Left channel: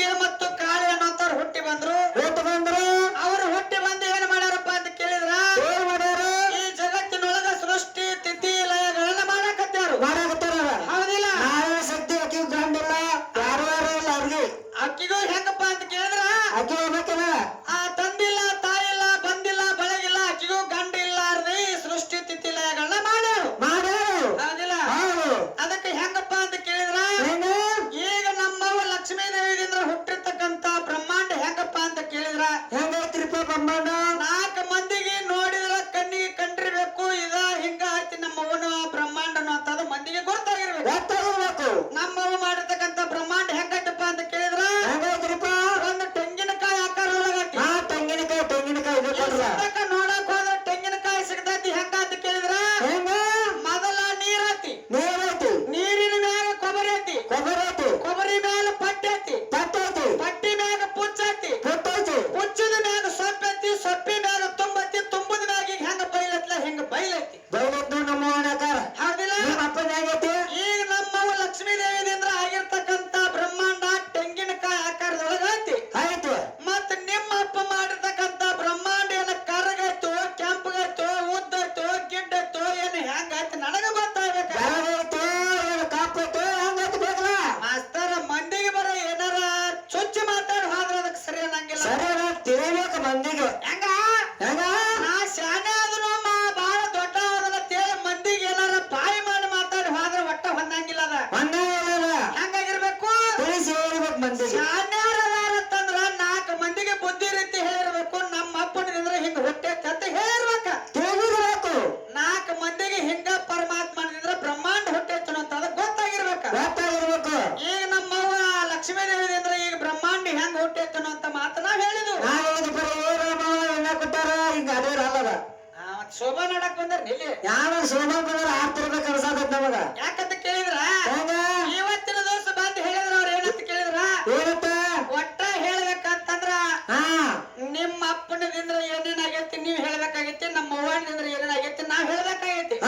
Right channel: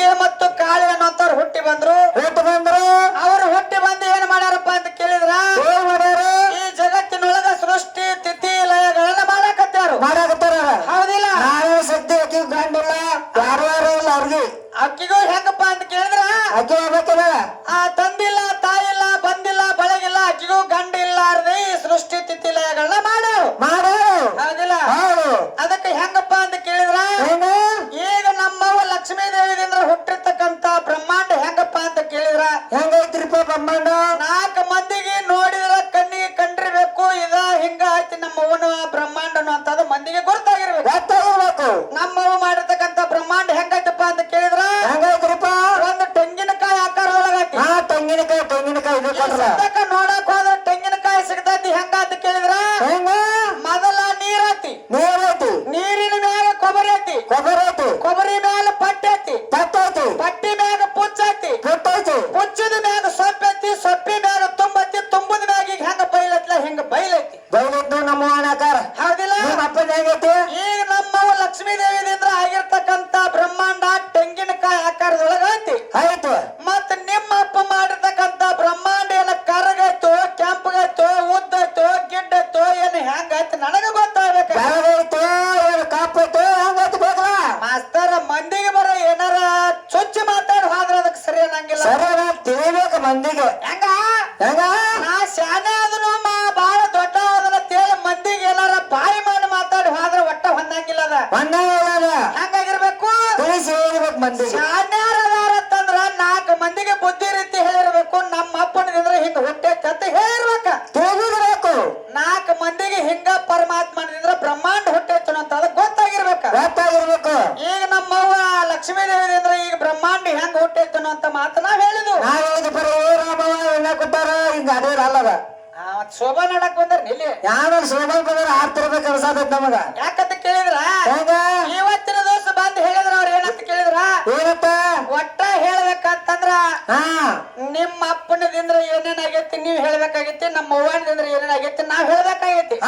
ಗಂಗೆ ಮತ್ತು ಕಾಳಿ ಅನ್ನೋಂತವ್ರು ಹುಟ್ಟಿ ಬಂದ್ರು. ಅವರು ಹುಟ್ಟಿ ಬಂದು ಏನ್ ಮಾಡ್ಯಾರಪ್ಪ ಅಂತ ಕೇಳಿದ್ರ ಈ ಜಗತ್ತಿನೊಳಗ ಸೃಷ್ಟಿ ತಿಥಿ ಲಯಗಳನ್ನ ಮಾಡಾಕತ್ತಾರು. ಹೌದಿಲ್ಲ? ಶಕ್ತಿ ಅಕ್ಕಿ ಗಂಡಿಲ್ಲ ಯಾರು ಇಲ್ಲ ಅವ್ರಿಗೆ. ಅಕ್ಕಿಗೂ ಹೆಂಗಪ್ಪ ಅಂತ ಕೇಳಿದ್ರ ಅಕ್ಕಿ ಹೋಗ್ಬೇಕಲ್ಲ ಆ ತಂದಿಲ್ಲ ತಾಯಿಲ್ಲ ಬಂದಿಲ್ಲ ಬಳಗಿಲ್ಲ ಅಕ್ಕಿಗೂ ಗಂಡ ಇಲ್ಲಾರ್ದೆ ಈ ಸೃಷ್ಟಿ ತಿಥಿ ಲಯಗಳನ್ನ ಮಾಡು. ಹೌದಿಲ್ಲ? ಅದಕ್ಕೆ ಹೆಂಗಪ್ಪ ಅಂತ ಕೇಳಿದ್ರ ಈಗ ನಮ್ಮವ್ವ ಲಕ್ಷ್ಮೀ ದೇವಿದಿಂದ ಹುಟ್ಟಿರ್ತಕ್ಕಂತ ಬ್ರಹ್ಮಾಂಡ ಹೆಂಗಪ್ಪ ಅಂತ ಕೇಳಿದ್ರ ಹೆಂಗೈತ್ರಿಪ್ಪ ಬ್ರಹ್ಮಾಂಡ? 4 ಮಂದಿಗೆ ನೋಡಿದ್ರ ಕಣ್ಣಿಗೆ ಕಂಡಿರ್ಬೇಕು ಇದ ಹಿಂಗ ಐತಿ ನಮ್ಮವ್ವನ ಬ್ರಹ್ಮಾಂಡ ಅನ್ನೋಂಥದ್ದು ಮಂದಿಗೆ ಗೊತ್ತಾಗಿರ್ಬೇಕು. ನಮ್ಮವ್ವ ಮಾಡಿರ್ತಕ್ಕಂತ ಬ್ರಹ್ಮಾಂಡ ಹೆಂಗೈತಪ್ಪ ಅಂತ ಕೇಳಿದ್ರ ಹೆಂಗೈತ್ರಿಪ್ಪ? ಒಂದು ತೆಂಗಿನಕಾಯಿ ಆಕಾರದೊಳಗೈತಿ. ತೆಂಗಿನಕಾಯಿ ನೋಡಕ್ ಹೋದ್ರ ತೆಂಗಿನಕಾಯಿ ಸಿಗ್ತೈತಿ. ಹೆಂಗ ಅಂತ ಕೇಳಿದ್ರ ಮೊದಲ ನೀರೈತಿ, ನೀರಿನ ಮ್ಯಾಗ ಕೊಬ್ಬರಿ ಐತಿ, ಕೊಬ್ಬರಿ ಮ್ಯಾಲ ಪಟ್ಟಿ ಐತಿ, ಪಟ್ಟಿ ಮ್ಯಾಗ ಪುಚ್ಚ ಐತಿ, ಪುಚ್ಚದ ಮ್ಯಾಗ ಸೊಪ್ಪು ಐತಿ, ಸೊಪ್ಪಿ ಮ್ಯಾಗ ತುಂಬೈತಿ, ತುಂಬದ ಮ್ಯಾಗ ಈಗ ಹೆಂಗ ಬೈಲತ್ಲ ಹೆಂಗ ಬೈಲೈತಿ. ನಮ್ಮ ಆಕಾರ ಹೌದಿಲ್ಲ? ಅಪ್ಪನ ಹೆಂಗೈತಿ? ಈಗ ನಮ್ಮವ್ವ ಲಕ್ಷ್ಮೀ ದೇವಿದಿಂದ ಆಗಿರ್ತಕ್ಕಂತ ಬ್ರಹ್ಮಾಂಡ ತೆಂಗಿನಕಾಯಿ ಆಕಾರದೊಳಗ ಐತಿ. ಮತ್ತ ನಿಮ್ಮ ಅಪ್ಪ ಮಾಡಿರ್ತಕ್ಕಂತ ಬ್ರಹ್ಮಾಂಡ ಏನ ಕರಗೈತೋ ಕೆಂಪಗೈತೋ ಉದ್ದೈತೋ ಗಿಡ್ಡೈತೋ ಏನು ಹೆಂಗೈತಿ ನನಗ ಗೊತ್ತಾಗಬೇಕು. ಮಾಸ್ತರ ಮಂದಿಗೆ ಬರ ಏನಾರ ಚೊಚ್ಚಿ ಮಾತಾಡಿ ಹೋದ್ರ ಅದಕ್ಕೆ ಸರಿ ಅನ್ನಂಗಿಲ್ಲ. ತಿಳಿಬೇಕು ಮಂದಿಗೆ. ಹೆಂಗ ನಾ ಶಾನೆ ಅದನ್ನು ಬಾಳ ದೊಡ್ಡ ಅದನ್ನ ತೇಳ ಮಂದಿಗೆ ಏನಾರ ಬಾಯಿ ಮಾಡಿ ಮಾತಾಡಿ ಹೋದ್ರ ಒಟ್ಟ ಹೊಂದಂಗಿಲ್ಲ. ಅದ ಹೆಂಗಾಗಿರ್ಬೇಕು? ತಿಳಿಸಿ ಹೇಳ್ಬೇಕು ಮಂದಿಗೆ. ಶಾನ್ಯಾರ ಅದಾರ ಅಂತಂದ್ರ 4 ಮಂದಿಗೆ ಬುದ್ಧಿ ರೀತಿ ಹೇಳಿರ್ಬೇಕು. ನಮ್ಮ ಅಪ್ಪನಿಂದ್ರ ಹಿಂಗ ಹುಟ್ಟೈತಿ ಅಂತ ಹೇಳಿರ್ಬೇಕ. ತಿಳಿದಿರ್ಬೇಕು. 4 ಮಂದಿಗೆ ಹಿಂಗ ಪರಮಾತ್ಮನಿಂದ್ರ ಬ್ರಹ್ಮಾಂಡ ಹುಟ್ಟೈತಿ ಅಂತ ಗೊತ್ತಾಗಿರ್ಬೇಕು. ಈಗ ನಮ್ಮವ್ವ ಲಕ್ಷ್ಮೀ ದೇವಿದಿಂದ ಈಗ ಬ್ರಹ್ಮಾಂಡ ಹೆಂಗ ಹುಟ್ಟೈತಿ ಅಂತ ಮಾತು ನಾವ್ ಹೇಳಿದ್ವು. ಕೊಟ್ಟಾರ ಹಿಂಗ ಅದೇ ಅಲ್ಲದ ಶೋಭಾ ನಡಕ್ ಬಂದ್ರ ಇಲ್ಲಿ ಯಾವ ಶೋಭಾ ಬಂದ್ರ ಆಡ್ತಿರ್ಬೇಕು ಅನ್ಸಾದತ್ ನಮಗ. ಯಾಕಂತ ಕೇಳಿದ್ರ ಇವತ್ತಿನ ದಿವಸ ಬಂದ್ ಹೇಳಿದ್ರ ಅವ್ರ ಏನಂತ ಕೇಳಿದ್ರ ಒಟ್ಟ ಹೇಳ್ಬೇಕಂತಂದ್ರ ನಿಮ್ಮ ಅಪ್ಪನದಿಂದ ಏನೇನಾಗೈತಿ ನೀವ್ ಹೇಳ್ಬೇಕಾಗೈತಿ, ನಮ್ಮ ಅವ್ವನದಿಂದ ಏನೇನಾಗೈತಿ ನಾವ್ ಹೇಳ್ಬೇಕಾಗೈತಿ.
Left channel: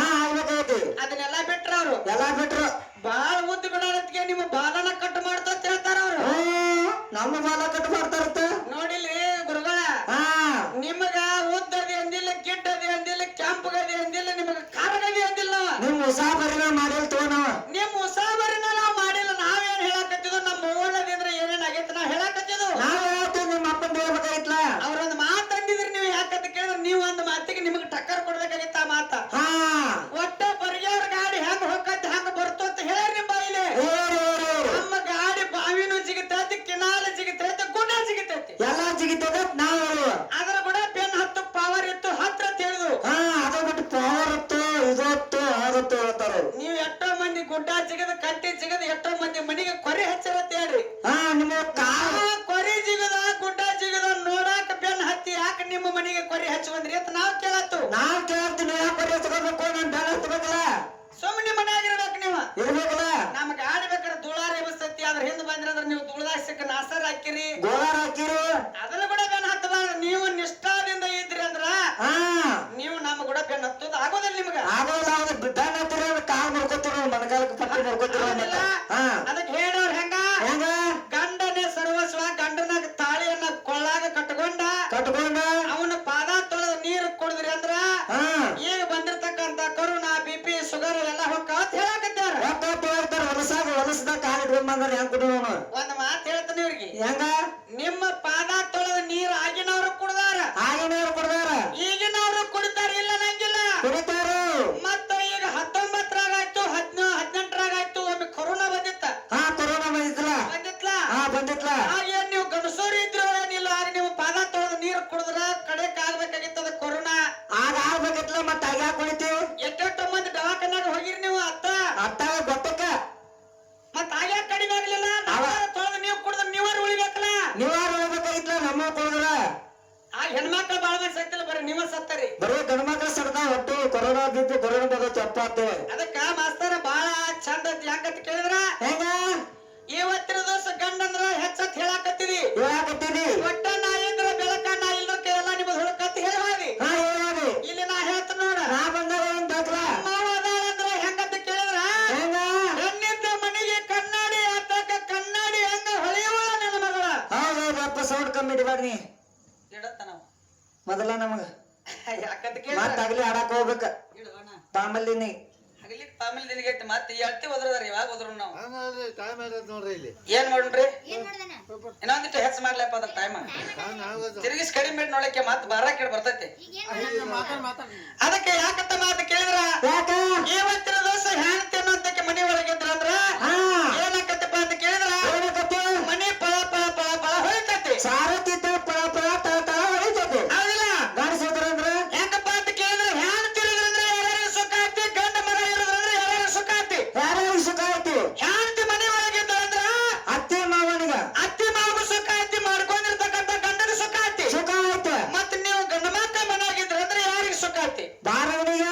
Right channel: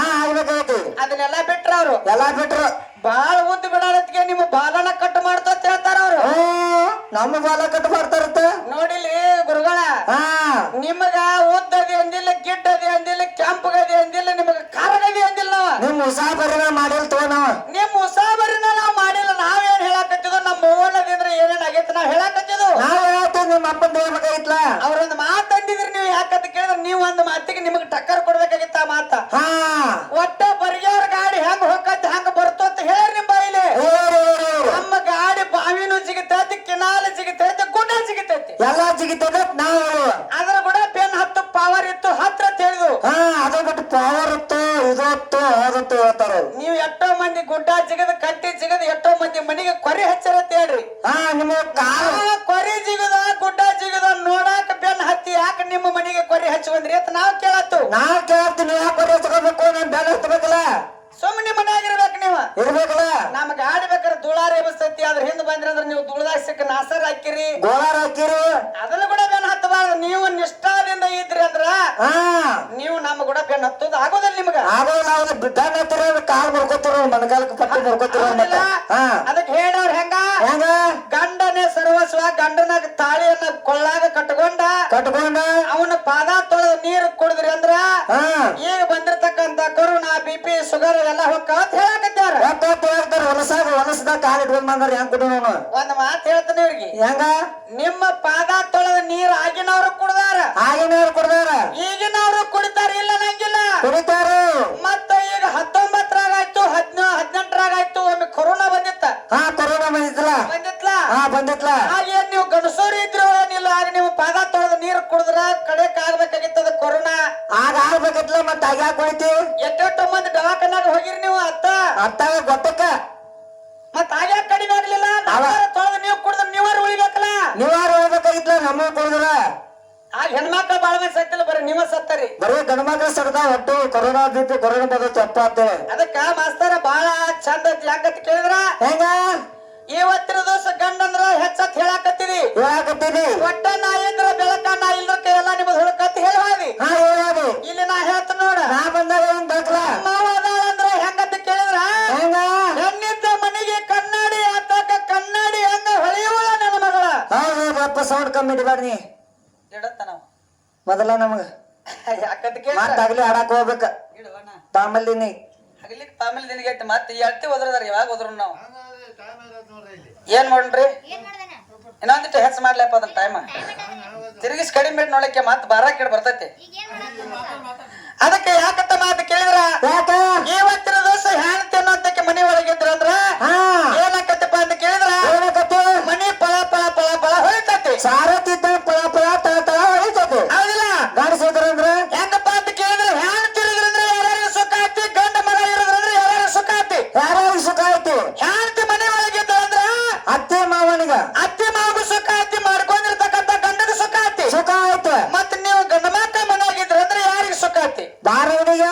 ಅದನ್ನೆಲ್ಲ ಬಿಟ್ರ ಅವ್ರು ಬಾಳ ಉದ್ದ ಬಿಡೋದಕ್ಕೆ ನಿಮ್ಮ ಬಾಲನ ಕಟ್ ಮಾಡ್ತಾ ಹೇಳ್ತಾರ ಅವ್ರು. ನಮ್ಮ ಬಾಲ ಕಟ್ ಮಾಡ್ತಾರತ್ತ ನೋಡಿಲ್ರಿ ಗುರುಗಳ, ನಿಮಗ ಉದ್ದದಿ ಅಂದಿಲ್ಲ, ಗಿಡ್ಡದಿ ಅಂದಿಲ್ಲ, ಕೆಂಪಗದಿ ಅಂದಿಲ್ಲ, ನಿಮಗ ಕಾರಗದಿ ಅಂದಿಲ್ಲ. ನಿಮ್ ಉಸಾಬರಿನ ಮಾಡಿಲ್ ತೋ ನಾವ್ ನಿಮ್ ಉಸಾಬರಿನ ನಾವ್ ಮಾಡಿಲ್ಲ. ನಾವೇನ್ ಹೇಳಾಕತ್ತಿದ್ವು ನಮ್ಮ ಅವ್ವನದಿಂದ ಏನೇನ್ ಆಗೈತಿ ನಾವ್ ಹೇಳಾಕತ್ತಿದ್ವು. ನಿಮ್ಮ ಅಪ್ಪನ ಹೇಳ್ಬೇಕಾಗಿತ್ಲ. ಅವ್ರೊಂದು ಮಾತು ಅಂದಿದ್ರಿ ನೀವು ಯಾಕಂತ ಕೇಳಿದ್ರೆ ನೀವು ಒಂದು ಮಾತಿಗೆ ನಿಮಗ್ ಟಕ್ಕರ್ ಕೊಡ್ಬೇಕಾಗಿತ್ತ ಆ ಮಾತ. ಒಟ್ಟ ಬರ್ಗ್ಯವ್ರ ಗಾಡಿ ಹೆಂಗ್ ಹೋಗತ್ತೆ ಹೆಂಗ ಬರ್ತೋ ಅಂತ ಹೇಳಿ ನಿಮ್ ಬಾಯಿಲೆ. ನಮ್ಮ ಗಾಡಿ ಬಾವಿನೂ ಜಿಗಿತೈತಿ, ಕಿನಾಲ್ ಜಿಗಿತೈತಿ, ಗುಡ್ಡ ಜಿಗಿತೈತಿ, ಎಲ್ಲಾ ಜಿಗಿತದ ನಾವು. ಅದ್ರ ಕೂಡ ಬೆನ್ ಹತ್ತು ಪವರ್ ಇತ್ತು ಹತ್ರ ತಿಳಿದು ಅದ ಬಿಟ್ಟು ಪವರ್ ಇತ್ತು ಇದತ್ತು ಅದತ್ತು ಹೇಳ್ತಾರ. ನೀವ್ ಎಷ್ಟೋ ಮಂದಿ ಗುಡ್ಡ ಜಿಗದ ಕಟ್ಟಿ ಜಿಗದ ಎಷ್ಟೋ ಮಂದಿ ಮನಿಗೆ ಕೊರಿ ಹಚ್ಚರತ್ ಹೇಳ್ರಿ. ನಿಮ್ಮ ಕೊರಿ ಜಿಗದ ಗುಡ್ಡ ಜಿಗದ ನೋಡಾಕ ಬೆನ್ ಹತ್ತಿ ಯಾಕೆ ನಿಮ್ಮ ಮನಿಗೆ ಕೊರಿ ಹಚ್ಚುವಂದ್ರಿ ಅಂತ ನಾವ್ ಕೇಳತ್ತು. ನಾವ್ ಕೇಳ್ತೀನಿ ಯಾಕೆ ಕೊರಿ ಹಚ್ಕೋಬೇಕು, ನನ್ ಬೆನ್ ಹತ್ತಬೇಕಲ್ಲ, ಸುಮ್ಮನೆ ಮನ್ಯಾಗಿರ್ಬೇಕು ನೀವು ಇರ್ಬೇಕಲ್ಲ. ನಮ್ ಗಾಡಿ ಬೇಕಾದ್ರೆ ಧೂಳಾರಿ ಎಬಸ್ತೈತಿ, ಅದ್ರ ಹಿಂದ್ ಬಂದ್ರಂದ್ರ ನೀವು ಧೂಳದಾಗ ಸಿಕ್ಕ ನಾಸರ್ ಹಾಕಿರಿ, ಗೋಳಾರ ಹಾಕಿರಿ, ಅದನ್ನ ಕೂಡ ಬೆನ್ ಹತ್ತಬಾರ್ದು. ನೀವು ನಿಷ್ಠಾದಿಂದ ಇದ್ರಿ ಅಂದ್ರ ನೀವು ನಮ್ಮ ಕೂಡ ಬೆನ್ ಹತ್ತೋದು ಆಗೋದಿಲ್ಲ ನಿಮ್ಗ. ಬೆನ್ ಹತ್ತಿರ ಕಾಲ್ ಬರ್ಕೋತಿರ, ಮನಗಾಲಕ್ಕೆ ಪಟ್ಟಿ ಬರ್ಕೋತಿರ. ಅದಕ್ಕೆ ಹೇಳವ್ರ ಹೆಂಗ ಗಂಡನೇ ಸರ್ವಸ್ವ, ಗಂಡನ ತಾಳಿಯನ್ನ ಕೊಳ್ಳಾಗ ಕಟ್ಕೊಂಡ ಅವನ ಪಾದ ತೊಳೆದ ನೀರು ಕುಡಿದ್ರಿ ಅಂದ್ರ ಈಗ ಬಂದಿರ್ತಕ್ಕಂತ ಕರೋನಾ BP ಶುಗರ್ ಎಲ್ಲ ಹೋಗ್ತಾವ ಹೇಳಕತ್ತಾರ. ಹೊಲಸದಾಗ ಕಾಲ್ ಇಟ್ಕೊಂಡ್ ಬಂದಾರ ಹೆಂಗ್ ಕುಡಿ. ಒಂದ್ ಮಾತು ಹೇಳ್ತಾನೆ ಇವ್ರಿಗೆ, ಹೆಂಗ ನಿಮ್ಮ ಪಾದ ತೊಳೆದ ನೀರ್ ಆಗಿನವ್ರು ಕುಡ್ದಾರ, ಈಗಿನವ್ರು ಕುಡಿತಾರ, ಇಲ್ಲ ನಂಗಿಲ್ಲ ಕುಡಿತಾರ. ಮತ್ತ ಈಗ 19ರಾಗಾಯ್ತು 18ರಾಗಾಯ್ತು ಒಮ್ಮೆ ಕೊರೋನಾ ಬಂದಿತ್ತ. ಕೊರೋನಾ ಬಂದಿತ್ಲ. ಏನ್ ನೀವು ಗಣಸೂರಿ ಇದ್ರು ಏನಿಲ್ಲ, ಆಗ ನೀವು ಪಾದ ತೊಳೆದ ನೀರು ಕುಡಿದ್ರ ಕಡೆಕ್ ಆಗ್ಬೇಕಾಗಿತ್ತದ ಕೊರೋನಾ. ಆಗ ಆಗ್ಬೇಕಿತ್ಲ, ಮತ್ತ ಆಗ ಯಾಕೆ ಕುಡಿತಿ? ಎಷ್ಟೆಷ್ಟೋ ಮಂದಿ ದವಾಖಾನಾಗ ಹೋಗಿರಿ ನೀವು ಅತ್ತ ಗೊತ್ತಕ್ಕ. ಮತ್ತ ಆಗ ಕಡಿಮೆ ಆಗ್ಲಿಲ್ಲ. ತೊಳೆದ ನೀವು ಕುಡಿದ್ರ ನೀವಾರು ಉಳಿಬೇಕಲ್ಲ. ನೀವಾರು ಹೋಗ್ಬೇಕಾಗಿತ್ಲ, ನಮ್ಮ ಕುಡಿದ್ರ. ಆಗ ಹೆಣ್ಮಕ್ಳು ಬಾಳ ಮಂದಿ ಸತ್ತಿಲ್ಲ, ಬರೀ ನೀವ ಸತ್ತರಿ. ಬರೀ ಗಂಡ್ಮಕ್ಳು ಸಡ್ದ ಒಟ್ಟು ಕೊರೋನಾ ಬಿದ್ದು ಕೊರೋನಾ ಬಂದ ತಪ್ಪ ಅಂತೇಳಿ. ಅದಕ್ಕ ಮಾಸ್ತರ ಬಾಳ ಚಂದ ಐತಿ. ಯಾಕಂತ ಕೇಳಿದ್ರ ಹೆಂಗ ಇವತ್ತಿನ ದಿವಸ ಗಂಡಂದ್ರ ಹೆಚ್ಚತ್ ಹೇಳಾಕತ್ತೀರಿ. ಒಟ್ಟ ನಾ ಇದ್ರ ಬೆಳಕ ನಾ ಇಲ್ಲಕ್ಕೆ ಎಲ್ಲ ನಿಮ್ದು ಹುಡುಕತ್ ಹೇಳಿ ಇಲ್ಲಿ ನಾ ಹೇಳ್ತ ನೋಡ. ನಾ ಬಂದಾಗ ಅಂದ್ರ ಹೆಂಗಂತ ಕೇಳಿದ್ರ ಹೆಣ್ಣಿದ್ದ ಮನೆಗೆ ಕನ್ನಡಿ ಆತಕ ಕನ್ನಡಿ ಹಂಗ ಹೊಳೆಯುವಳ ನನ್ನ ಮಗಳ. ಇಡಪ್ಪ ಸೌಂಡ್ ಕಮ್ಮಿ ಇಡಬೇಡ್ರಿ ಇಡತ್ತ ನಾವು ಮೊದಲ ನಮಗ ಯಾಕಂತ ಕೇಳಿ ಮಾತಾಗ್ಲಿ ಆಡಾಕ ಹೋಗ್ಬೇಕ ಇಡುವಣ್ಣ ತಾಮಲ್ಲಿನಿ ಹಗಲಿಕ್ಕೆ ತಾಮೇಲೆ ನಿನಗೈತಿ ಮತ್ತೆ ಎಳ್ತಿ ಹೋದ್ರದಾರ ಯಾವಾಗ ಹೋದ್ರು ನಾವು ಏನ್ ಮಾಡ್ರಿ ಇನ್ನೊಂದಿಟ್ಟು ಹೆಚ್ಚು ಮಾಡ್ಲಪ್ಪ ಅದನ್ನ ಟೈಮ್ ತಿರುಗಿಸ್ ಕಡಿಮೆ ಮಾಡಿ ನೋಡಕ್ಕೆ ಮತ್ತೆ ಬಾರ ಕೇಳಿ ಬರ್ತೈತಿ ಅದಕ್ಕೆ ಯಾಕಂತ ಮಾತು ಕೇಳಿದ್ರ ಇವತ್ತಿನ ದಿವಸ ಹೆಣ್ತಿ ಅನ್ನೋದಕ್ಕೆ ಮನಿ ಒಳಗಿದ್ರಂದ್ರ ಏನಾಕತ್ತಪ್ಪ ಅಂತ ಕೇಳಿದ್ರ ಮನಿ ಪಳ ಪಳ ಪಳ ಪಳ ಹೊಳಿತೈತಿ ಸಾರತಿದ್ದ ಪಳ ಪಳ ತಳ ತಳ ಹೊಳಿತೈತಿ ಹೌದಿಲ್ಲ ಗಾಡಿಸಿದ್ರಂದ್ರ ಹೆಂಗಪ್ಪ ಅಂತ ಕೇಳಿದ್ರ ಹೆಣ್ ತಿರುಗಿದ್ರಂದ್ರೆ ಯಾರ್ಯಾರು ಸುಖ ಐತಿ ಗಂಡ ಮಗ ಇರೋದ್ರಂದ್ರೆ ಯಾರ್ಯಾರು ಸುಖ ಐತಿ ಯಾರ್ಯಾರಿಗೆ ಸುಖ ಐತಿ ಹೆಣ್ತಿ ಮನೆ ಒಳಗಿದ್ದಂದ್ರ ಅತ್ತೆ ಮಾವನಿಗ ಅತ್ತಿ ಮಾವಗೂ ಸುಖ ಐತಿ ಮಾಡ್ಕೊಂಡಿರ್ತಕ್ಕಂಥ ಗಂಡಗ ಸುಖ ಐತಿ ಸುಖ ಐತಿ ಮತ್ ನೀವು ಗಂಡ ಮಕ್ಕ ಮನೆಯಾಗಿದ್ರಂದ್ರೆ ಯಾರಿಗೆ ಸುಖ ಐತಿ ಬಾರವನಿಗ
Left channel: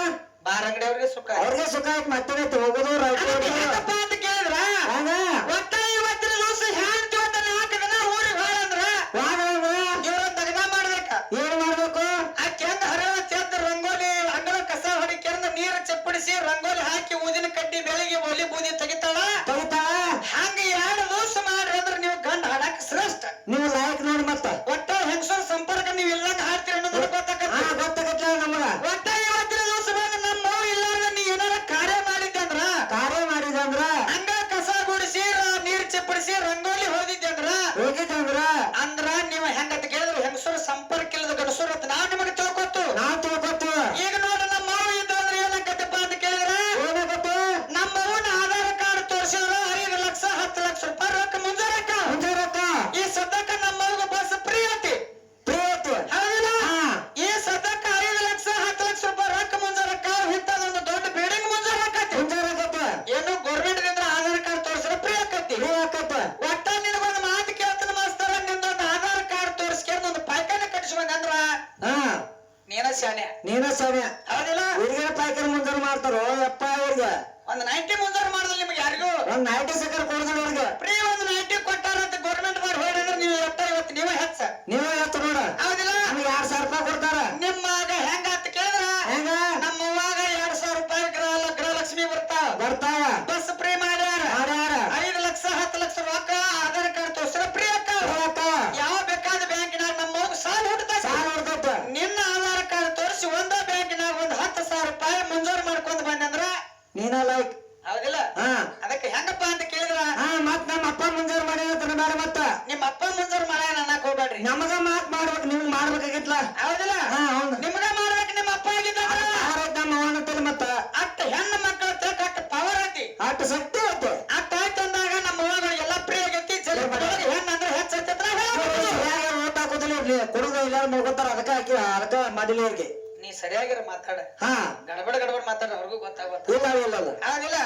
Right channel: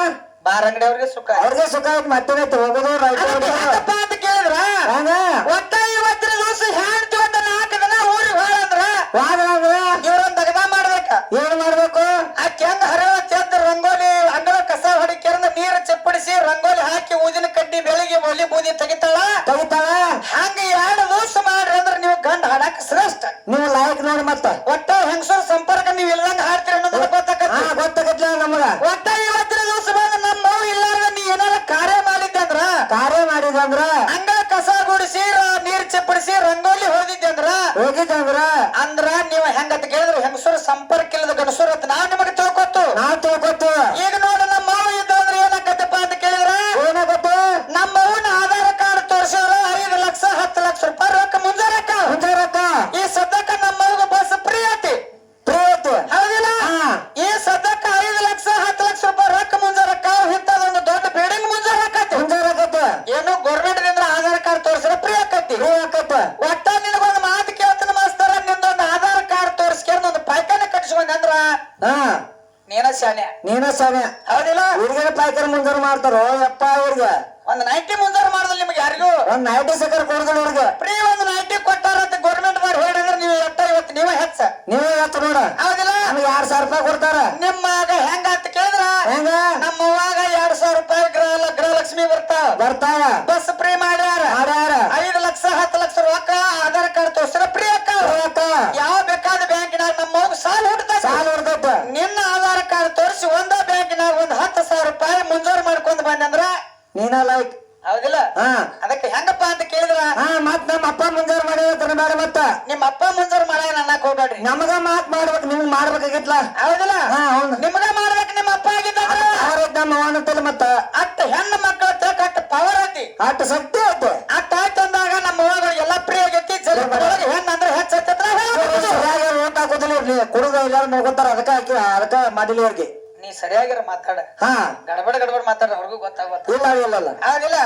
ಬಾರ್ ಅಂಗಡಿ ಅವ್ರಿಗೆ ಸುಖ ಅವ್ರಿಗೆ ಸುಖ ಐತಿ ಮತ್ತೆ ಹೋಗೋದು ಹೆಂಗಪ್ಪ ಅಂತ ಕೇಳಿದ್ರ ಹಂಗ ಒಟ್ಟ ಇವತ್ತಿನ ದಿವಸ ಹೆಣ್ತಿ ಒಂದ 4 ದಿನ ಊರಿಗೆ ಹೋಳಂದ್ರ ವಾದ್ರ ಇವ್ರೊಂದ್ ದಗದ ಮಾಡ್ಬೇಕ ಏನ್ ಮಾಡ್ಬೇಕು ಆಕೆ ಹೆಂಗ ಹರವ ತೆದ್ದ ರಂಗೋಲಿ ಅಂಗಳ ಕಸ ಹೊಡಿಕೆರ್ದ ನೀರು ಚಪ್ಪಡಿಸಿ ರಂಗೋಲಿ ಹಾಕಿ ಊದಿನ ಕಡ್ಡಿ ಬೆಳಿಗ್ಗೆ ಒಲಿ ಬೂದಿ ತೆಗಿತಾಳ ಹಂಗ 2 ದಿವಸ ಮಾಡ್ರಿ ಅಂದ್ರ ನೀವು ಗಂಡ ಹಾಡಕ್ ಶ್ರೇಷ್ಠ ನೀವು ಲಾಯಕ್ ನೋಡಿ ಮತ್ತ ಒಟ್ಟ ಹೆಂಗಸರ ಸಂಪರ್ಕ ನೀವು ಇಲ್ದಂಗ ಹಾಡ್ತೀರಿ ಅನ್ನೋದು ಗೊತ್ತಾಗತ್ಲ ನಮಗ ಒಟ್ಟ ಇವತ್ತಿನ ದಿವಸ ಬಂದ ನಮ್ಮ ಮಗು ಇಲ್ಲಾರ್ದ ನೀ ಏನಾರ ಕಾರ್ಯ ಮಾಡಿದ್ದಂದ್ರ ಅಂಗಳ ಕಸ ಗುಡಿಸಿ ನೀರ್ ಚಪ್ಪಡಿಸಿ ರಂಗೋಲಿ ಹೋಗಿದ್ದಂದ್ರ ಅಂದ್ರ ನೀವು ಹೆಂಗಂತ ಕೇಳಿದ್ರೆ ಹೆಂಗಸರ ಸಂಪರ್ಕ ಇಲ್ಲದ ಗಣಸರು ಅಂತ ನಾವ್ ನಿಮಗೆ ತಿಳ್ಕೊತ್ತು ಈಗ ನೋಡ ನಮ್ಮ ಮಗು ಇದ್ದ ಅಂದ್ರೆ ಏನಾಗತ್ತಪ್ಪ ಅಂತ ಕೇಳಿದ್ರ ಏನಾಗತ್ತೆ ನಮ್ಮ ಮಗುನ ಆಧಾರ್ ಕಾರ್ಡ್ ತೋರ್ಸೋರು 5 ಲಕ್ಷ 10 ಲಕ್ಷ ರೂಪಾಯಿ ರೊಕ್ಕ ಮುಂಜಾರಕ್ಕ ಈ ಸದ್ಯಕ್ಕ ನಮ್ಮ ಮಗು ಬಸ್ ಫ್ರೀ ಐತಿ ಹೌದಿಲ್ಲ ಈ ಸದ್ಯಕ್ಕ 5 ಲಕ್ಷ 10 ಲಕ್ಷ ರೂಪಾಯಿ ರೊಕ್ಕ ಮುಂಜಾರಕ್ಕ ಇಂಥದೊಂದು ದೊಡ್ಡ ಬಿಲ್ಡಿಂಗ್ ಮುಂಜಾರಕ್ಕತಿ ಏನು ಗೌರ್ಮೆಂಟ್ ದಿಂದ ಆಧಾರ್ ಕಾರ್ಡ್ ತೋರ್ಸಿದ್ರೆ ಫ್ರೀ ಆಕತಿ ಒಟ್ಟ ನಿನಗೊಂದು ಮಾತು ಕೇಳ್ತಾನ ಮಾಸ್ತರ ನಿಂದೊಂದು ಆಧಾರ್ ಕಾರ್ಡ್ ತೋರಿಸ್ಕೊಂಡು ಒಂದು ಪಾಯ್ಕಾನ ಕಟ್ಟಿಸ್ಕೊಂಡ್ರ ನೀನ ಶಾನೆ ಹೌದಿಲ್ಲ ಹುಡುಗರ ಪಾಯ್ಕರ್ ಮುಂಜಾರ ಮಾಡ್ತಾರೋ ಯಪ್ಪ ಅವ್ರಿಗೆ ಒಂದು 90 ಮುಂಜಾರ ಮಾಡಿದ್ರೆ ನಿಮ್ಗೆ ಯಾರಿಗೂ ಒಂದ್ 90 ಸಕರ್ ಕೊಡ್ದ ಅವ್ರಿಗೆ ಫ್ರೀ ಒಂದು 90 ಕೊಟ್ಟಾರಂತ ಗೌರ್ಮೆಂಟ್ ದವ್ರು ಹೇಳಿದ್ರೆ ನೀವು ಇವತ್ತು ನೀವೇ ಹೆಚ್ಚ ನೀವೇ ಹೇಳ್ತ ನೋಡ ಹೌದಿಲ್ಲ ನಮ್ಗೆ 2,000 ರೂಪಾಯಿ ಕೊಡ್ತಾರ ನಿಮ್ಮಾಗ ಹೆಂಗ ಅಂತ ಕೇಳಿದ್ರ ಹೆಂಗ ನಮ್ಮ ಅವ್ವಾಗ 2,000 ರೂಪಾಯಿ ಗೃಹಲಕ್ಷ್ಮಿ ಬರ್ತಾವ ಬಸ್ ಫ್ರೀ ಮಾಡ್ಯಾರ 5 ಲಕ್ಷ 10 ಲಕ್ಷ ರೊಕ್ಕ ಆಧಾರ್ ಕಾರ್ಡ್ ತೋರಿಸಿದ್ರೆ ಫ್ರೀ ಅಕ್ಕಾವ ಯಾವ ಬೇಕಾದ ಬ್ಯಾಂಕಿನಾಗ ನಮ್ಮ ಅವ್ಗ ಸಾಲ ಹುಡ್ತೈತಿ ನಿನ್ನ ಆಧಾರ್ ಕಾರ್ಡ್ ತೋರಿಸಿ ಒಂದ ಬ್ಯಾಂಕಿನಾಗ ಒಂದ್ 10,000 ರೂಪಾಯಿ ಮುಂಜಾರು ಮಾಡ್ಕೊಂಡ್ ಬಂದಂದ್ರ ನೀನ ಲೈಕ್ ಹೌದಿಲ್ಲ ಅದಕ್ಕೆ ಹೆಂಗಪ್ಪ ಅಂತ ಕೇಳಿದ್ರ ಮತ್ ನಮ್ಮ ಅಪ್ಪ ಮುಂಜಾರ ಮಾಡಿ ಮತ್ತ ನಿಮ್ಮ ಅಪ್ಪ ಮುಂಜಾರು ಮಾಡ್ಯಾನ ಅನ್ನಕ್ ಹೋಗ್ಬೇಡ್ರಿ ನಮಗ ಮಾತ್ ಮಾಡ್ಬೇಕು ನಿಮ್ಗ್ ಮಾಡ್ಬೇಕಾಗಿತ್ಲ ಹೌದಿಲ್ಲ ನಿಮ್ಗ ಮಾಡ್ಬೇಕು ನಿಮ್ಮ ಅಪ್ಪ ಆಗಿದ್ದ ನಮ್ಮ ಅವನಂತಲ್ಲ ಮತ್ತ ಅಟ್ಟ ಹೆಣ್ಣು ಮಕ್ಕಳ ಅಟ್ಟ ಪವರ್ ಐತಿ ಅಟ್ಟ ಶಕ್ತಿ ಐತೆ ಅಟ್ಟ ಆಯ್ತು ಅಂದಾಗ ನಮ್ಮ ಅವ್ವಾಗ ಎಲ್ಲಾ ಪ್ರೀ ಆಗೈತಿ ಹೆಣ್ಣು ಅಂದ್ರೆ ಹೆಚ್ಚೈತಂದ್ರ ಓಟ್ ಹಾಕೋದಿಲ್ಲ ಕುಡುಗ ಇಲ್ಲ ನೋಡ್ಕೊತಾರ ಅದಕ್ಕ ಮಾಡಿಲ್ಲ ಅವ್ರಿಗೆ ನೀ ಸರಿಯಾಗಿರ ಮಾತಾಡ ಗಡಬಡ ಮಾತಾಡ ಅವ್ರಿಗೂ ಗೊತ್ತಾಗುತ್ತೆ ಇಲ್ಲ ಹೌದಿಲ್ಲ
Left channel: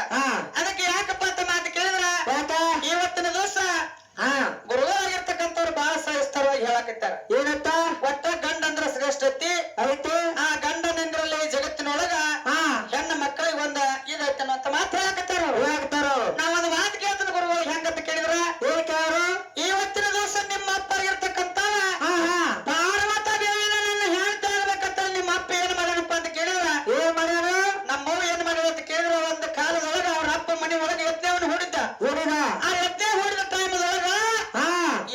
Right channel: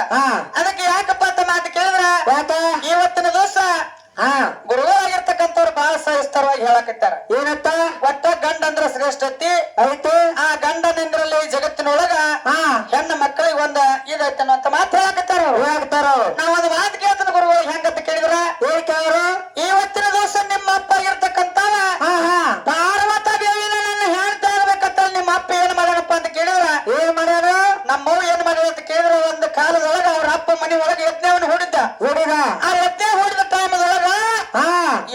ಅದಕ್ಕೆ ಯಾಕಪ್ಪ ಅಂತ ಮಾತು ಕೇಳಿದ್ರ ಇವತ್ತಿನ ದಿವಸ ಗುರುಗಳಾಗಿರ್ತಕ್ಕಂಥವ್ರು ಬಹಳ ಸಹಿಸ್ತರವಾಗಿ ಹೇಳಕತ್ತಾರ ಏನತ್ತ ಒಟ್ಟ ಗಂಡ ಅಂದ್ರ ಶ್ರೇಷ್ಠ ಐತಿ ಆ ಗಂಡನಿಂದ್ರಲ್ಲಿ ಜಗತ್ತಿನೊಳಗ ಹೆಣ್ಣು ಮಕ್ಕಳಿಗೆ ಒಂದ ಇದೈತನ ಅಂತ ಮಾತು ಹೇಳಕತ್ತಾರ ನಾವೊಂದು ಮಾತು ಕೇಳ್ತಾನ ಗುರುಗಳು ಹೆಂಗಂತ ಕೇಳಿದ್ರ ಇವತ್ತಿನ ದಿವಸ ನಿಮ್ಮ ಅಪ್ಪ ಆಗಿರ್ತಕ್ಕಂಥವ ಪಾರ್ವತ ದೇವಿನ ನನ್ನ ಹೇಳ್ತಾ ಇರ್ಬೇಕಂತ ನಿಮ್ಮ ಅಪ್ಪ ಏನ್ ಮಾಡ್ಯಾನಪ್ಪ ಅಂತ ಕೇಳಿದ್ರ ಏನ್ ಮಾಡ್ಯಾರ ನಮ್ಮವ್ ಏನ್ ಮಾಡ್ಯಾರ ಅಂತ ಕೇಳಿದ್ರ ಒಂದು ಕಾಲದೊಳಗ ಅವ್ರ ಅಪ್ಪ ಮನೆ ಒಳಗೆ ಯಜ್ಞವನ್ನು ಹೂಡಿದ್ದ ಆ ಯಜ್ಞ ಹೂಡಿದ ಟೈಮದೊಳಗ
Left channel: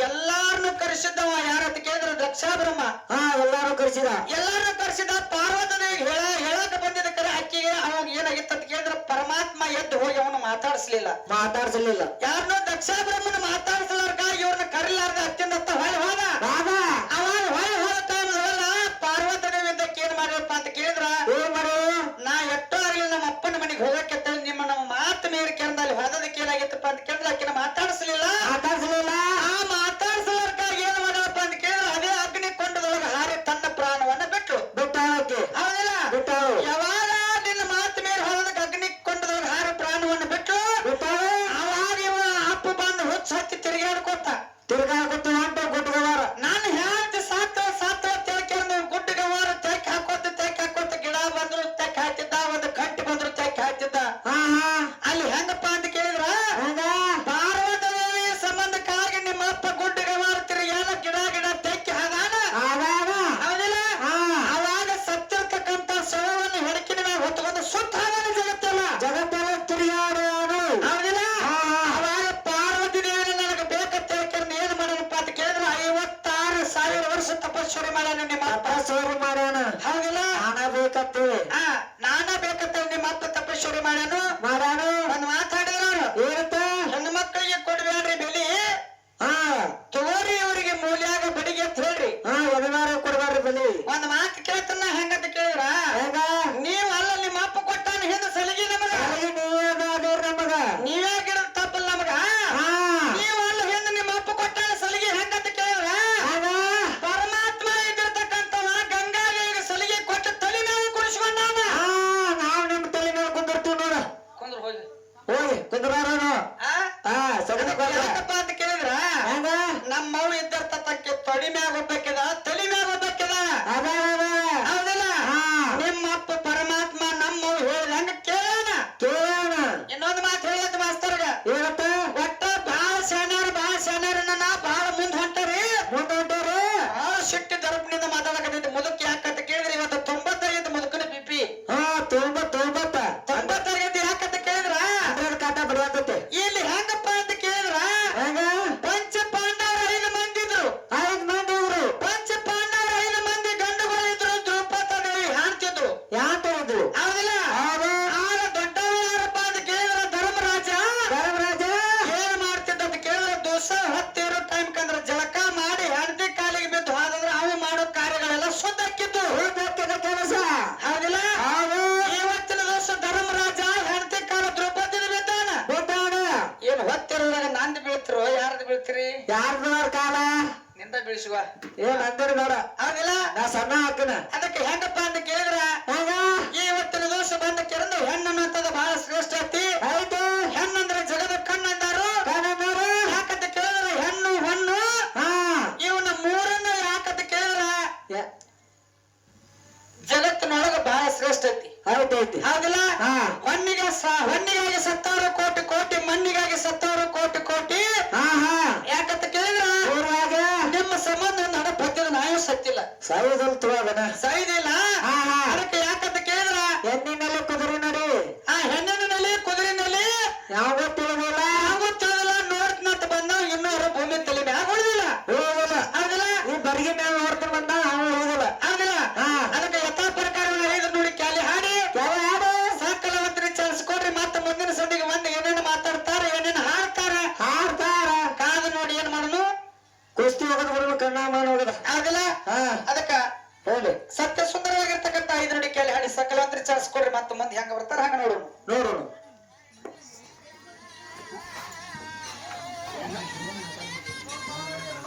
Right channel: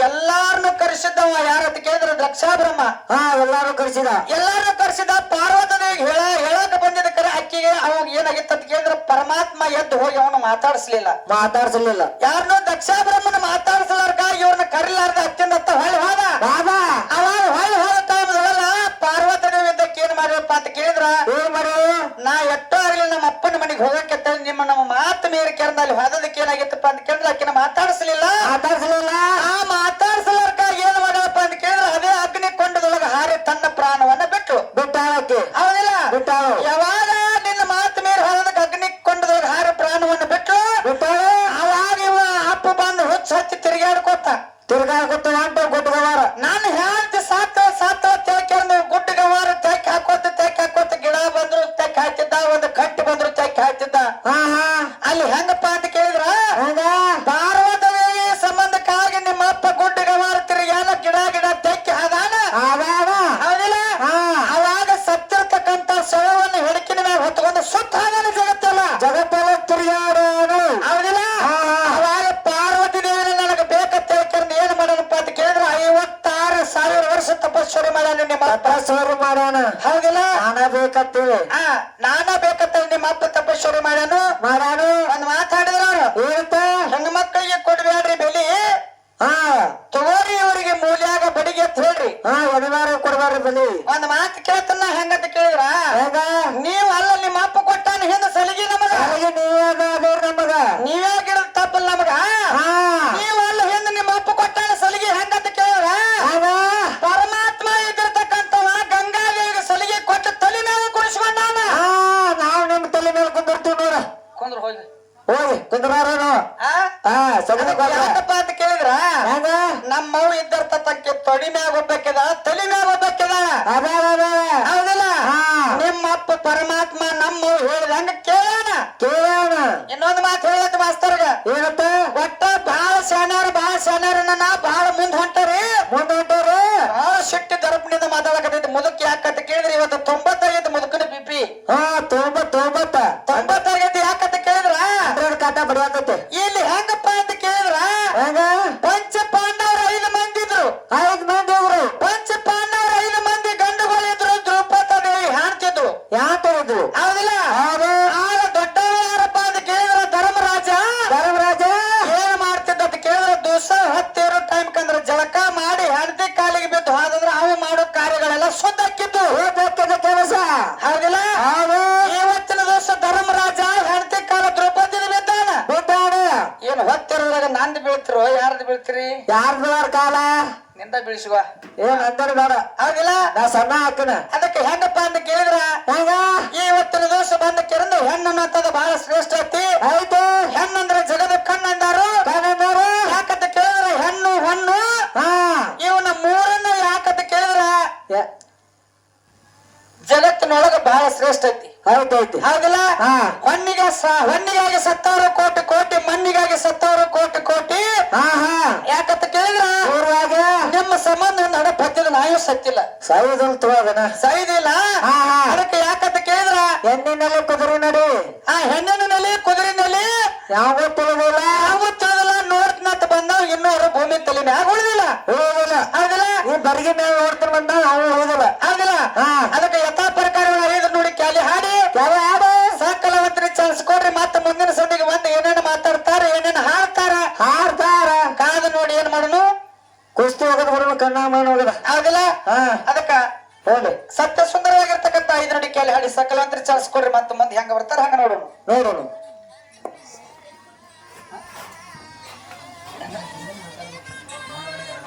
ಎಲ್ಲಾರನ್ನು ಕರೆಸಿದ್ದವ ಯಾರಂತ ಕೇಳಿದ್ರ ದಕ್ಷಾಬ್ರಹ್ಮ ಎಲ್ಲಾರು ಕರೆಸಿದ ಪಾರ್ವತನಿಗೆ ಹೇಳಕ ಬಂದಿದ್ದ ಕರೆ ಅಕ್ಕಿಗೆ ಅವಾಗ ಏನಾಗಿತ್ತು ಅಂತ ಕೇಳಿದ್ರ ಪರಮಾತ್ಮ ಎದ್ದು ಹೋಗಿ ಅವನು ಮಾತಾಡಿಸ್ಲಿಲ್ಲ ಯಾರನ್ನೋ ದಕ್ಷಾಬ್ರಹ್ಮನ ಮಾತಾಡಿಸಲಾರ್ಕ ಇವ್ರನ್ನ ಕರಿಲಾರ್ದ ಅತ್ಯಂತ ಹೊಳೆ ಹೋದ ಅವಾಗ ಹೊಳೆ ಹೋದ ಟೈಮದೊಳಗ ಪಾರ್ವತನಿದ್ದಕ್ಕೆ ಏನ್ ಮಾಡ್ಯಪ್ಪ ಅಂತ ಕೇಳಿದ್ರ ನಾ ಎಷ್ಟೋ ಆಗ್ಲಿ ನಮ್ಮ ಅಪ್ಪನ ಮನೆಗೆ ಹೋಗಕ್ಕೆ ನಮ್ಮ ಮಾತು ಮೀರಿ ಕೆರಂದ ಅಲ್ಲಿ ಹೋದದಕ್ಕೆ ಏನಾಗಿತ್ತಪ್ಪ ಅಂತ ಕೇಳಿದ್ರೆ ಆಕಿನ ಮಾತಾಡಿಸ್ಲಿಲ್ಲ ಆ ಮಾತಾಡಿಸಲಾರ್ಕ ಏನ್ ಮಾಡಪ್ಪ ಅಂತ ಕೇಳಿದ್ರೆ ಅದೇ ಅಗ್ನಿ ಕೊಂಡದೊಳಗ ಹಾರಿ ತನ್ನ ಪ್ರಾಣವನ್ನ ಬಿಟ್ಟು ಹೌದಿಲ್ಲ ಯಾವಾಗ ನಿನ್ನ ಮಾತು ಮೀರಿ ಹೋದದಕ್ಕೆ ಅಗ್ನಿ ಕೊಂಡದೊಳಗ ಹಾರಿ ಪ್ರಾಣವನ್ನ ಬಿಟ್ಟು ಅವಾಗ ಇವ ಅಪ್ಪ ಬಂದು ಹುಚ್ಚ ಹಚ್ಚಿ ತಿರುಗಾಡ್ಕೊತ ಗುಡ್ಡಗವಾರ ನಾನು ಹೇಳ್ತಿ ಸಾತ ತೇಕೊಂಡು ಗುಡ್ಡಗವಾರ ತೆಕ್ ಹಾಕೋತ ಗಿಡ ಬಂದ್ರು ತೆಕ್ ಹಾಕ್ತಿದ್ದ ಒಂದು ಕಟ್ಟಿ ಬಂದ್ರು ತೆಕ್ ಹಾಕ್ತಿದ್ದ ಅಲ್ಲಿ ಹೆಂಗಪ್ಪ ಅಂತ ಕೇಳಿದ್ರ ಪಾರ್ವತ ದೇವಿ ಸಂಬಂಧಕ್ಕಾಗಿ ನಿಮ್ಮ ಅಪ್ಪ ಗುಡ್ಡಗವಾರ ತಿರುಗಾಡ ಗಿಡ ತೆಕ್ಕಿ ಹಾಗಾನ ಹೌದಿಲ್ಲ ಅವಾಗ ಸತ್ತಿರ್ತಕ್ಕಂತ ಶವವನ್ನು ಹೆಡಕಿನ ಮೇಲೆ ಹೊತ್ಕೊಂಡು ಸುತ್ತ ಹಾಗಾನ ಜಗತ್ತೆಲ್ಲ ತಿರುಗಾಡ ಹೌದಿಲ್ಲ ಅವಾಗ ಪಾರ್ವತಿ ದೇವಿ ನನಗೆ ಬೇಕಂತ ಹೇಳ್ಕೊಂಡು ಏನ್ ಮಾಡೋಣಪ್ಪ ಅಂತ ತಪಸ್ಸೋರಿ ಮಾಡ್ಯಾನ ನಿಮ್ಮ ತಪಸ್ಸೋರಿ ಮಾಡ್ಯಾನ. ಹೌದಿಲ್ಲ? ನಾನ ಬೇಕತ್ತೇಳಿ ನಾನ ಬೇಕತ್ತ ನಿಮ್ಮ ಅಪ್ಪ ತಪಸ್ಸೋರಿ ಮಾಡ್ಯಾನು. ಒಂದ್ ಮಾತಾಡಿದ್ರ ಅವ್ರು ಏನಂತ? ಹೆಣ್ಣು ಮಕ್ಕಳಿಗೆ ಕೊಡ್ಬೇಡ್ರಿ ಬೆಲಿ, ಹಾ ತಗೋರಿ ಅವ್ರಿಗೆ ಮೂಲ್ಯಾಗ ಬಡಿಗೆ ಅಂತ ಹೇಳ್ರಿ. ಎದವಾರ ಕೊಡ್ಬಾರ್ರಿ ಬಲಿ. ಒಂದ್ ಮಾತು ಕೇಳ್ತಾನ ಹೆಂಗಂತ ಕೇಳಿದ್ರ, ಹೆಂಗ? ನೀವ್ ಅಲ್ಲ ನಿಮ್ಮ ಅಪ್ಪ ಕೊಟ್ಟಾನ ಹಿಂದ ಸಲಿಗೆ ನಮಗ, ನಮಗ ನೀವೇ ಗಿಡದ ತಪ್ಪಲ್ಲ ನಮಗ. ನೀವ್ ಅಲ್ಲ ಹಿಂದ ನಿಮ್ಮ ಅಪ್ಪ ಕೊಟ್ಟಾನ ಸಲಿಗೆ ಹೆಂಗಂತ ಕೇಳಿದ್ರ, ಪರಮಾತ್ಮ ಇದ್ದಿರ್ತಕ್ಕಂಥವ ಗಂಗಾದೇವಿಗೆ ಸಲಿಗೆ ಕೊಟ್ಟು ತಲೆ ಮೇಲೆ ಕುಣಿಸ್ಕೊಂಡಾನ. ನಾವು ನಿಮ್ ತಲೆ ಮೇಲೆ ಕುಂದಿರ್ತೀವಿ ನೋಡ. ಕುಂದ್ರ ಹೋಗಿ ಹೋಗಿ ಕುಂದ್ರಾರನು. ಯಾಕಪ್ಪ ಅಂತ ಕೇಳಿದ್ರ, ನಮ್ಮವ್ ಇದ್ದಿರ್ತಕ್ಕಂಥ ತೊಡಿ ಮ್ಯಾಗ ಒಬ್ಬಕ್ಕಿದ, ತಲೆ ಮ್ಯಾಗ ಒಬ್ಬಕ್ಕಿದ. ಹೌದಿಲ್ಲ? ನಿಮ್ಮ ಅಪ್ಪ ಪರಮಾತ್ಮ ನಮ್ಮವ್ ಹೇಳಿದಂಗ ಕೇಳೋಣ. ಇನ್ನೊಂದು ಮಾತು ಹೇಳಿದ ಮಾಸ್ತರ್ಗ, ಏನತ್ತ? ಒಟ್ಟ ಬಹಳ ಶಾನ್ಯಾರ ಬಹಳ ಮುಂದ್ ಹೊಂಟಾರಿ. ಬಹಳ ಶಕ್ತಿ ದರ್ಪಣಿಂದ ಮಾತಾಡಕತ್ತಿದ್ದ ಮುದುಕ್ ಯಾಕಂತ ಕೇಳಿದ್ರಿ, ಇವತ್ತು 90 ಮುದುಕನ ಬಿಪಿ. 90 ಯಾಕಂತ ಕೇಳಿದ್ರ, ಕಾಟ ಬಡಿಯಾಕತ್ತೆ. ಇಲ್ಲಿ ಹೆಂಗಪ್ಪ ಅಂತ ಕೇಳಿದ್ರ, ಪಂಚ ಪಾಂಡವರು 5 ಮಂದಿ ಇದ್ರು. 5 ಮಂದಿ ಇದ್ರು. ಪಂಚ ಪಾಂಡವರು 5 ಮಂದಿ ಗಂಡುಗಳು ಇದ್ರು. ದ್ರೌಪದಿ ಹಾಡ್ತಿದ್ರು. ಯಾರು? ಹೌದಿಲ್ಲ? ಆಗ ದೊಡ್ಡವ ಯಾರಪ್ಪ ಅಂತ ಕೇಳಿದ್ರ ಧರ್ಮರಾಜ. ಏನ್ ಮಾಡ್ತಿದ್ದ ಅಂತ ಕೇಳಿದ್ರ, ದಿವಸ ಹೊತ್ತಿರೋ ಟೈಮ್ ಕಂದ್ರ ಜಳಕ ಮಾಡಿ ಹೆಂಡತಿ ಕಾಲಿಗೆ ಬಿದ್ದು ಹೋದ್ರೆ ಅವು ಮಾಡೋ ಕಾರ್ಯಗಳೆಲ್ಲ ಶುದ್ಧ ಹಾಕಿದ್ದು ಕೆಲಸ. ಹೌದಿಲ್ಲ? ಇವತ್ತಿನ ದಿವಸ ಧರ್ಮರಾಜ ಹೆಂಡತಿ ಕಾಲ ದ್ರೌಪದಿನ ಬಿದ್ದಾನ. ಏನ್ ಹೊತ್ತಿರುವಾಗ ನಂದು ಬೀಳ್ತಿರೋ ಯಾರ್ದು ಬೀಳ್ತೀರಿ? ಯಾರ್ದು ಕಾಲ ನಿಂದ ಬೀಳಿಸುವ. ಏನ್ ಅಂದರಿ ಬೇಡ. ಹೌದಿಲ್ಲ? ನಾ ಸಣ್ಣ ಹಾಕಿನ. ಅದಕ್ಕೆ ಹೆಂಗಪ್ಪ ಅಂತ ಕೇಳಿದ್ರ, ಇವತ್ತಿನ ದಿವಸ ಬಂದ ಕೆರಂದು ಹೆಣ್ಣು ಅನ್ನೋಂಥದ್ದು ಬಹಳ ಶ್ರೇಷ್ಠ ಐತಿ. ಆಯ್ತು. ಹೆಣ್ಣಂದ್ರೆ ಜಗದ ಕಣ್ಣಂದಾರು. ಯಾಕಂತ ಕೇಳಿದ್ರ ಹೆಣ್ಣು ಹೊಣ್ಣು ಇವನ ಮೂರನ್ನ ಯಾಕಂತ ಕೇಳಿದ್ರ ಜಗತ್ತಿನೊಳಗ ಬಹಳ ಶ್ರೇಷ್ಠ ಐತಿ. ಆಯ್ತೈತಿ. ಹೌದಿಲ್ಲ? ಹೊನ್ನಿಗಾಗಿ ಸತ್ತವರು ಕೋಟಿ, ಮಣ್ಣಿಗಾಗಿ ಸತ್ತವರು ಕೋಟಿ. ಯಾಕಂತ ಕೇಳಿದ್ರ ನಿಮ್ಮ ಸಂಬಂಧ ನಡೆ ಬದ್ದಿದ ನಾಯು ಸತ್ತಿಲ್ಲ, ಸೈದಿಲ್ಲ. ಅದಕ್ಕೆ ಯಾಕಂತ ಕೇಳಿದ್ರ ಹೆಣ್ಣಿನಲ್ಲಿ ಕುದುರೆ ನಡಿ. ಹೆಣ್ಣಿನಲ್ಲಿ ಕುದುರಿನಲ್ಲಿ ಯಾವ ತಿಳಿದಿಲ್ಲ, ನೋಡ್ತನಂತ ಬಂದವ್ ಇನ್ನೂರು ಭೂಮಿ ತಲೆ ಮ್ಯಾಗ ಉಳಿದಿಲ್ಲ. ಹೌದಿಲ್ಲ? ಈ ಬರಿಗೆ ಮ್ಯಾಗ ನೋಡ್ತಾರ ಬಂದ ಅವನು ಹೋಗಲ್ಲ. ಹೌದಿಲ್ಲ? ಅದಕ್ಕೆ ಯಥಾ ಪ್ರಕಾರಗಳ 5 ನುಡಿ ಕ್ಯಾಲಿ ಹಾಡಿ ಸಕಲವಂತರಿಗೆ ಚಾನ್ಸ್ ಕೊಡ್ರಿ. ಮತ್ತೆ ಮುಂದಿನ ಸಂದಿಗೆ ಬಂದು ಏನೇನು ಮಾತಾಡ್ತಾರ, ಏನೇನು ಹಾಡ್ತಾರ ಕಾದು ನೋಡಿ ಏನ್ ಮಾಡೋನು, ಕುಸ್ತಿ ಹೋಗೋದು ಬರೋಣ, ಕಣ್ಣ ಮಾಡಿ ಹೋಗದ. ಹೌದಿಲ್ಲ? ಅದಕ್ಕ ಹೋಗ್ಲಿ ಸತ್ಯ ಸುಂದರವಾಗಿರ್ತಕ್ಕಂಥ 5 ನುಡಿ ಕ್ಯಾಲಿ ಹಾಡಿ ಸಕಲವಂತರಿಗೆ ಚಾನ್ಸ್ ಕೊಡ್ರಿ. ಮತ್ತೆ ಮುಂದೆ ಹೆಂಗ ಬರ್ತಾರ ಹಂಗ ನೋಡೋಣ.